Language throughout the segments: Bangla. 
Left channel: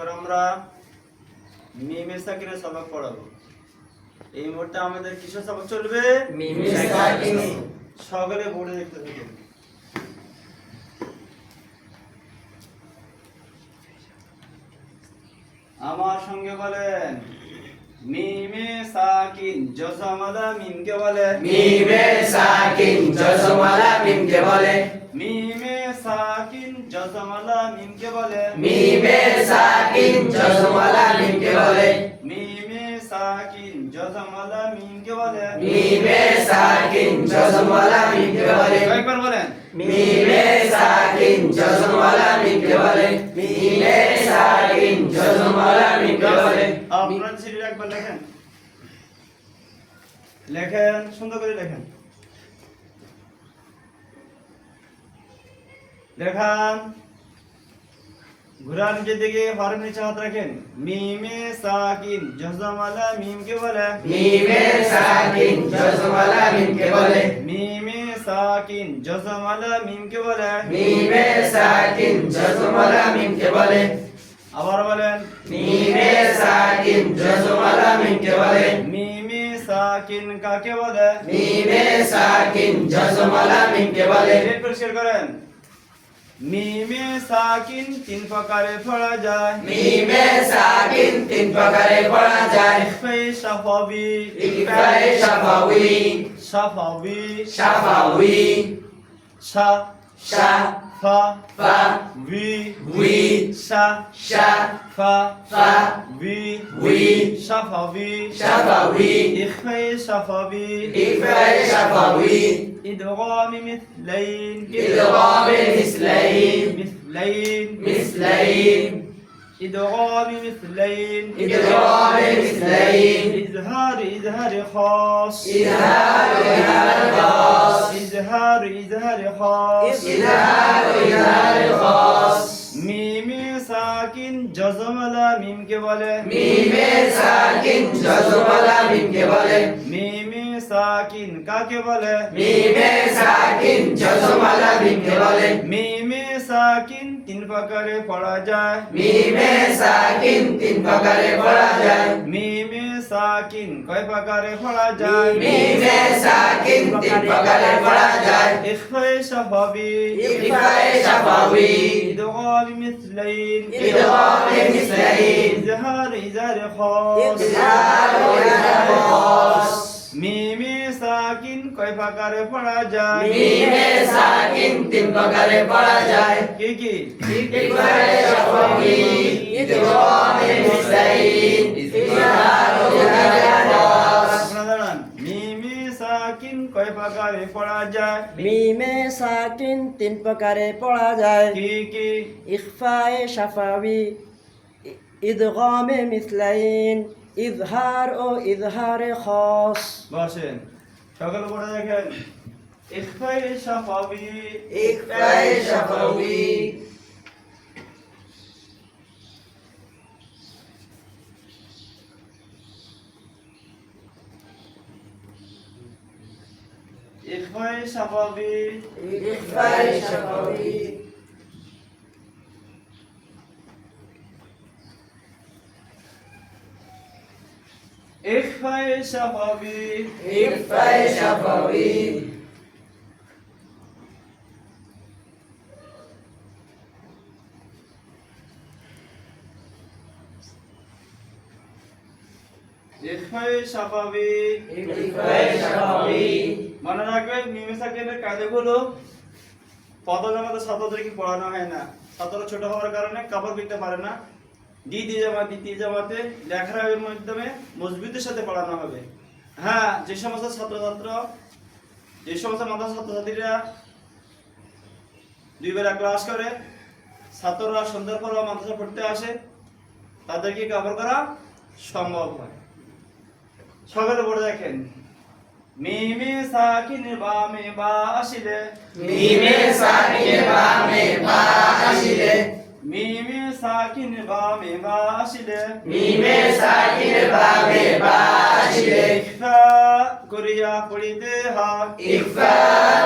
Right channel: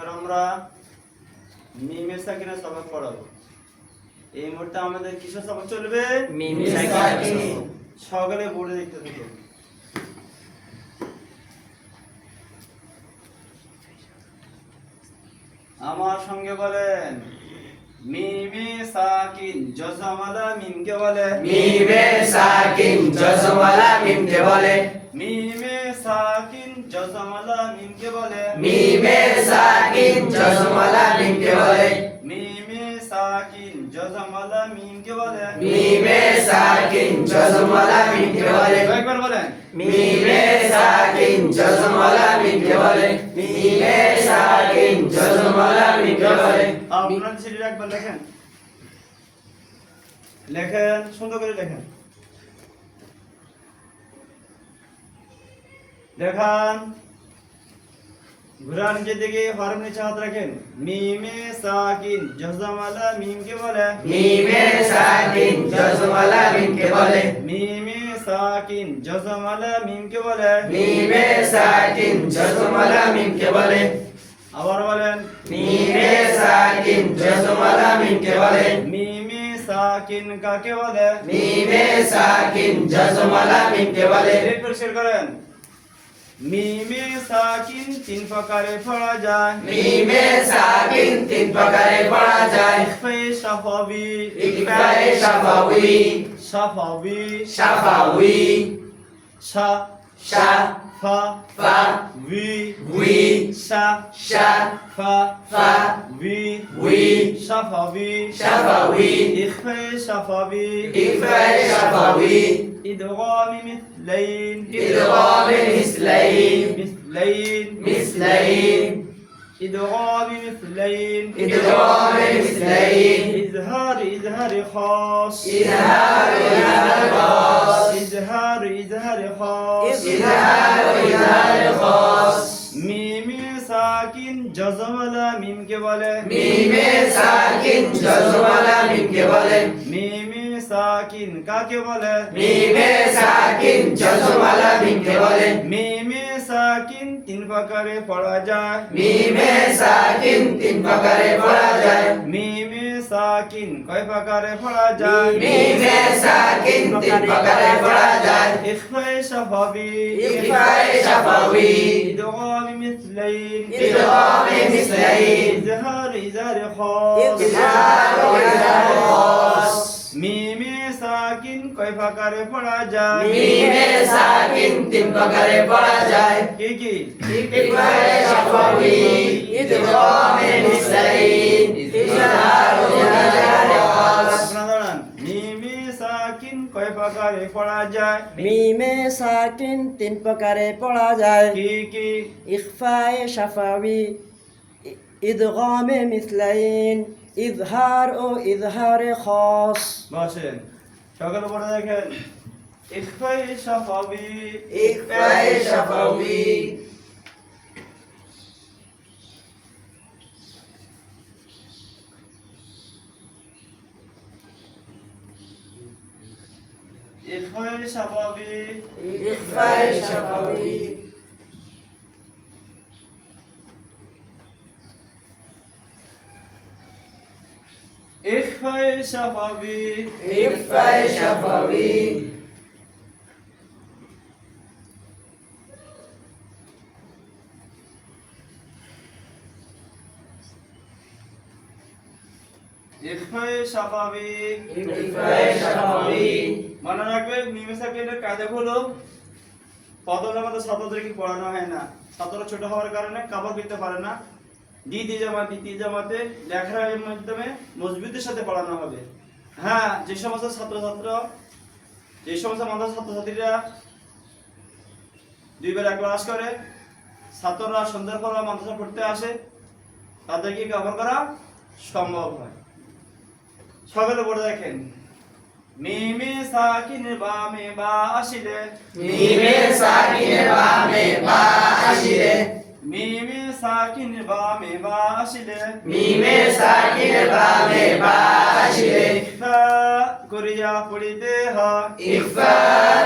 এখন আমরা মিমে সাকিনের সবক পড়াবো। এই মুহূর্তে আমাদের কিসের সবক চলবে? মিমে সাকিন। সকলে বোর্ডে দেখতে থাকুন। আমার সঙ্গে বলেন, মিমে সাকিন জজমালা মিমকে বলে। মিমে সাকিন জজমালা মিমকে বলে। মিমে সাকিন জজমালা মিমকে বলে। মিমে সাকিন জজমালা মিমকে বলে। মিমে সাকিন জজমালা মিমকে বলে। মিমে সাকিন জজমালা মিমকে বলে। কয়েকবার বলেন, মিমে সাকিন জজমালা মিমকে বলে। মিমে সাকিন জজমালা মিমকে বলে। আপনারা সিরিয়াল একবার লেখেন, লেখেন, সুন্দর করে লেখেন, লেখান। ঘুরা নিচের দিকে, হরফ নিচে হাত রাখেন। মিমে সাকিন জজমালা মিমকে বলে। মিমে সাকিন জজমালা মিমকে বলে। মিমে সাকিন জজমালা মিমকে বলে। মিমে সাকিন জজমালা মিমকে বলে। আবার বলেন, মিমে সাকিন জজমালা মিমকে বলে। মিমে সাকিন কাকে বলে? মিমে সাকিন জজমালা মিমকে বলে। রেড পরিষ্কার করেন। মিমে সাকিন তিন প্রকারে পড়া যায়। মিমে সাকিন তিন প্রকারে পড়া যায়। ইখফা শাফাবি, ইকফা শাফাউই, শাফাবি, শাফাউই, শা শা ফা ফা উই উই, শা শা ফা ফা উই উই, শাফাবি, শাফাউই, ইখফা শাফাবি, ইকফা শাফাউই, ইদগাম মিসলাইন, ইদগাম মিসলাইন, মিসলাইন, মিসলাইন, ইদগাম মিসলাইন, ইদগাম মিসলাইন, ইজহার ইজহার খাস, ইজহার ইজহার খাস, ইজহার ইজহার খাস। ইজহার ইজহার খাস। মিমে সাকিন জজমালা মিমকে বলে। মিমে সাকিন জজমালা মিমকে বলে। মিমে সাকিন কাকে বলে? মিমে সাকিন জজমালা মিমকে বলে। মিমে সাকিন তিন প্রকারে পড়া যায়। মিমে সাকিন তিন প্রকারে পড়া যায়। মিমে সাকিন কয় প্রকারে পড়া যায়? মিমে সাকিন তিন প্রকারে পড়া যায়। ইখফা শাফাবি, ইকফা শাফাউই, ইদগাম মিসলাইন, ইদগাম মিসলাইন, ইজহার ইজহার খাস। ইজহার ইজহার খাস। মিমে সাকিন কয় প্রকারে পড়া যায়? মিমে সাকিন তিন প্রকারে পড়া যায়। কি কি? ইকফা শাফাউই, ইদগাম মিসলাইন, ইজহার ইজহার খাস। আপনারা দাঁড়ান। মিমে সাকিন কয় প্রকারে পড়া যায়? মিমে সাকিন তিন প্রকারে পড়া যায়। কি কি? ইখফায়ে শাফাউই, ইদগামে মিসলাইন, ইজহার ও ইজহারে খাস। বসেন, সকলে পড়ে দেখেন। ইখফা শাফাবি, ইকফা শাফাউই, ইখফা শাফাবি, ইকফা শাফাউই, ইখফা শাফাবি, ইকফা শাফাউই, ইখফা শাফাবি। ইকফা শাফাউই। মনে রাখবেন, মিমে সাকিনের কায়দাগুলো প্রথম আমাদের ছাত্রদেরকে পড়ানো হয় না। ছাত্র ছোট হওয়ার কারণে কাপড় পরতে পারে না। দ্বিতীয় জামাতে লেখার মাধ্যমে মজবুতের সাথে পড়ানো হবে। হ্যাঁ, যে সমস্ত মাদ্রাসার ছাত্রছাত্রীরা দুই বেলা ক্লাস করে, ছাত্ররা সন্ধ্যার পর মাদ্রাসা পড়তে আসে, তাদেরকে কভার করা সম্ভব হয়। সকলে পড়ে দেখেন। মিমে সাকিন বামে বা আসিলে, মিমে সাকিন বামে বা আসিলে, মিমে সাকিন বামে বা আসিলে, মিমে সাকিন বামে বা আসিলে, ইখফা করিয়া পড়িতে হয়। ইকফা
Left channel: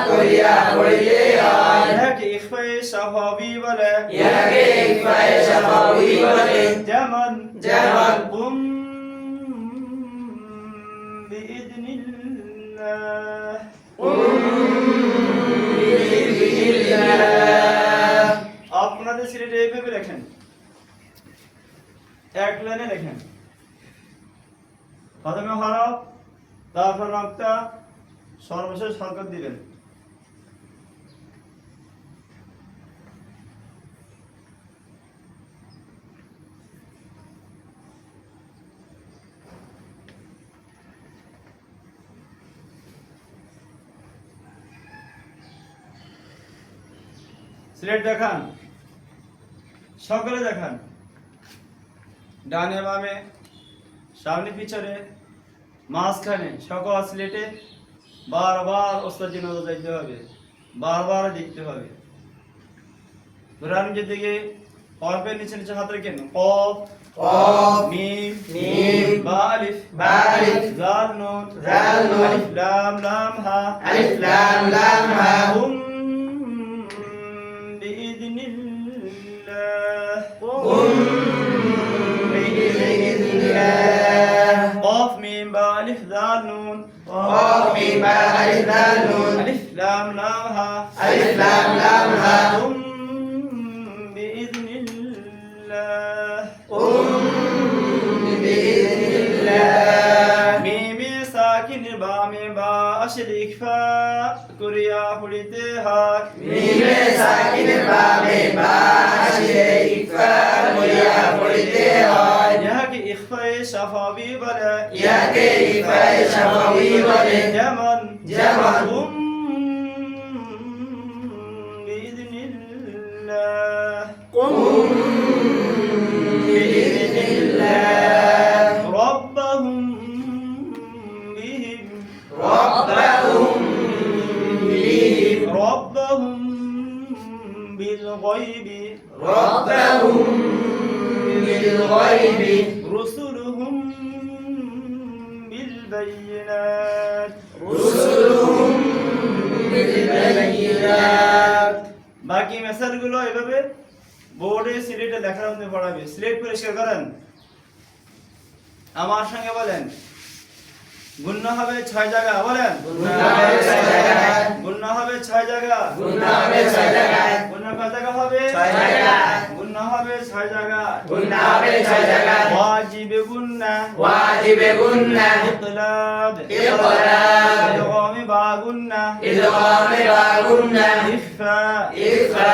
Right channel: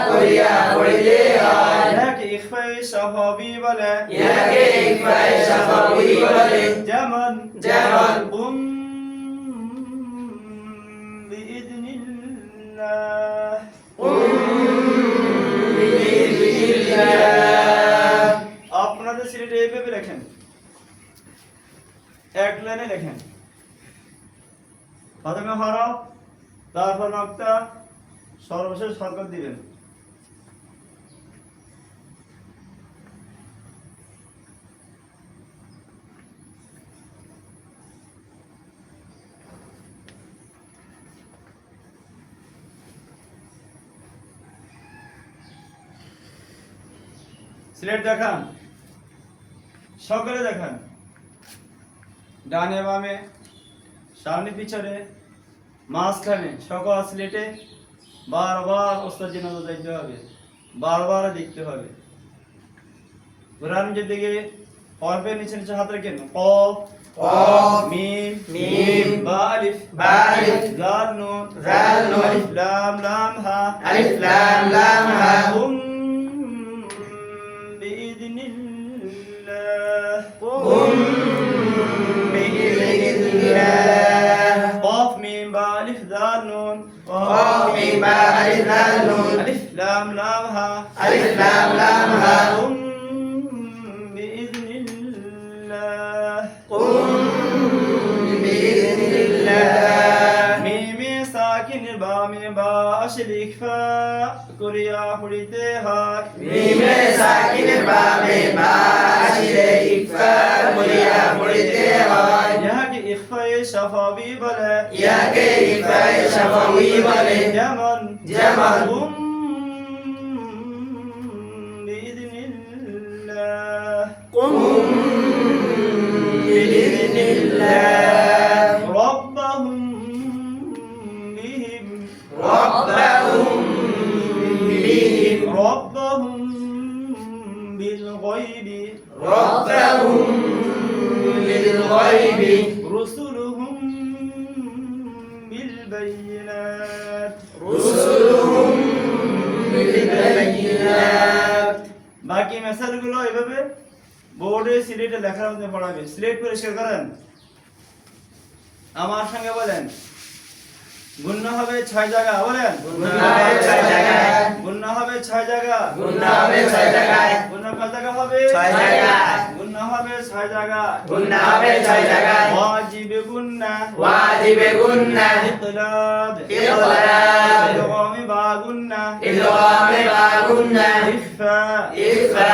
করিয়া পড়িলে হয়। ইহাকে ইখফা শাফাবি বলে। ইহাকে ইকফা শাফাউই বলে। যেমন যেমন قم بإذن الله আপনাদের সিলেটে এইভাবে লেখেন, এক লাইনে লেখেন, প্রথমে হরফ, তারপর নকতা, সর্বশেষ হরকত দিবেন। সিলেট দেখান, সকলে দেখান, ডানে বামে, সামনে পিছনে, মাঝখানে, সকল সিলেটে বারবার ওস্তাদ নজর দিতে হবে, বারবার দেখতে হবে। কোরআন যেদিকে হরফের নিচে নিচে হাত রেখেন, কফ, কফ, মিম, মিম, বা আলিফ, বা আলিফ, জাল নুন, জাল নুন, আলিফ লাম লাম হা, আলিফ লাম লাম হা, قم بإذن الله قم بإذن الله قاف ميم با ألف ذال نون قاف ميم با ألف ذال نون ألف لام لام ها ألف لام لام ها قم بإذن الله قم بإذن الله ميم ساكن با ميم با أشل إخفاء كريا حليته هاك ميم ساكن با ميم با أشل إخفاء كريا حليته هاك ياك إخفاء شفاوي بلا ياك إخفاء شفوي بلا যেমন যেমন قم بإذن الله قم بإذن الله ربهم بهم ربهم بهم ربهم بالغيب ربهم بالغيب رسلهم بالبينات رسلهم بالبينات বাকি মেসেজগুলো এভাবে বোর্ডে সিলেটে লেখার মধ্যে পড়াবে। সিলেট পরিষ্কার করেন, আমার সঙ্গে বলেন। গুণনা হবে 6 জায়গা, বলেন গুণনা হবে 6 জায়গায় গুণনা হবে 6 জায়গা গুণনা হবে 6 জায়গায় গুণনা কত জায়গা হবে 6 জায়গা গুণনা হবে 6 জায়গা গুণনা হবে 6 জায়গায় ওয়াজিবে গুণনা ওয়াজিবে গুণনা ইতলাব ইতলাব ইদগামে বা গুণনা ইদগামে বা গুণনা ইখফা ইখফা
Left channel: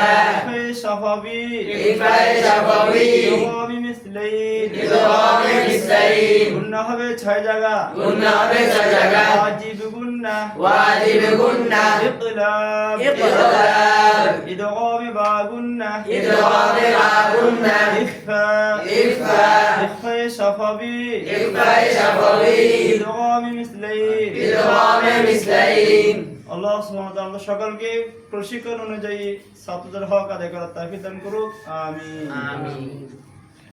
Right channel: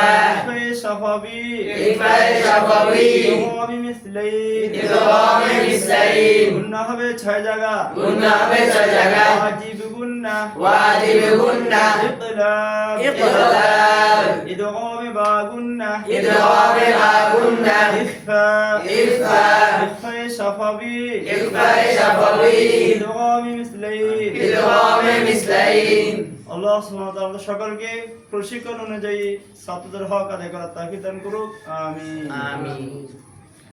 শাফাবি ইখফা শাফাবি ইদগামে মিসলাইন ইদগামে মিসলাইন গুণনা হবে 6 জায়গা গুণনা হবে 6 জায়গায় ওয়াজিবে গুণনা ওয়াজিবে গুণনা ইতলাব ইতলাব ইদগামে বা গুণনা ইদগামে বা গুণনা ইখফা ইখফা শাফাবি ইখফা শাফাবি ইদগামে মিসলাইন ইদগামে মিসলাইন আল্লাহ সুবহানাহু ওয়া তাআলা সকলকে প্রশিক্ষণ অনুযায়ী ছাত্রদের হক আদায় করার তাওফিক দান করুক। আমিন। আমিন।